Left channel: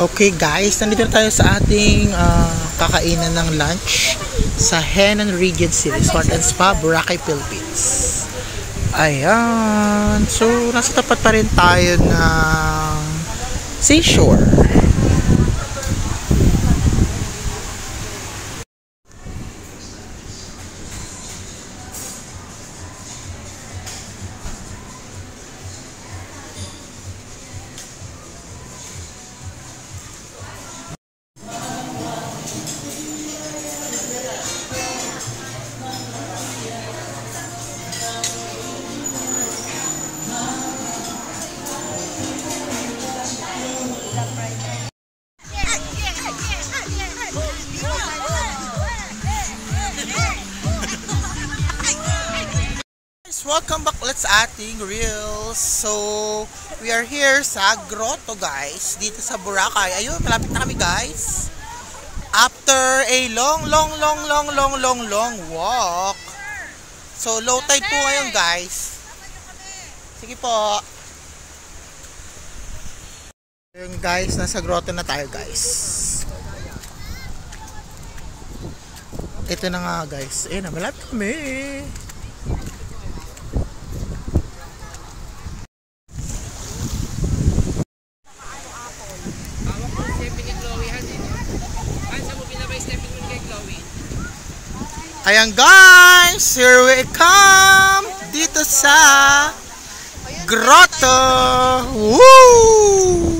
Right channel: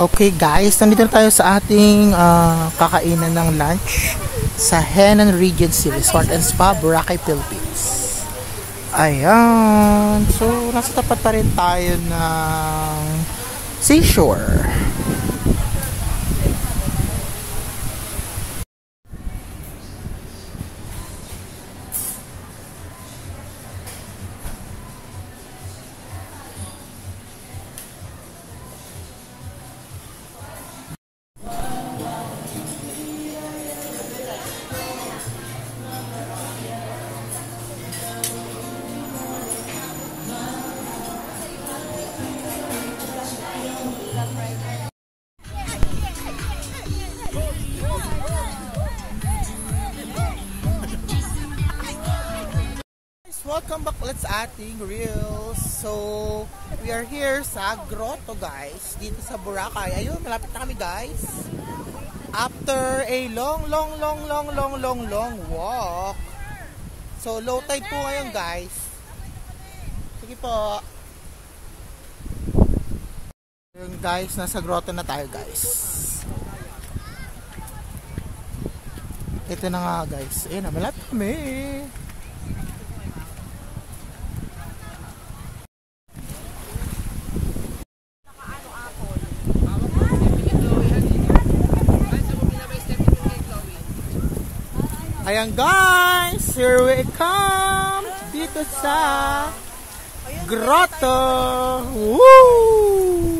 Okay guys, nandito na tayo sa ating kakainan ng lunch sa Henan Regency Resort and Spa, Boracay, Philippines. Ayan. So, nasa tapat pa rin tayo ng seashore. Welcome back ulit sa ating reels. So, we are here sa grotto guys, dito sa Boracay. Ayun, malapit na kami guys. After a long walk. So, low tide po ngayon guys. Sige po. Ayun guys, nasa grotto na tayo guys. Ito na nga guys. Ayun na, malapit kami. Ayan guys, here we come dito sa grotto. Woo!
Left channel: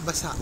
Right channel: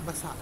Basa.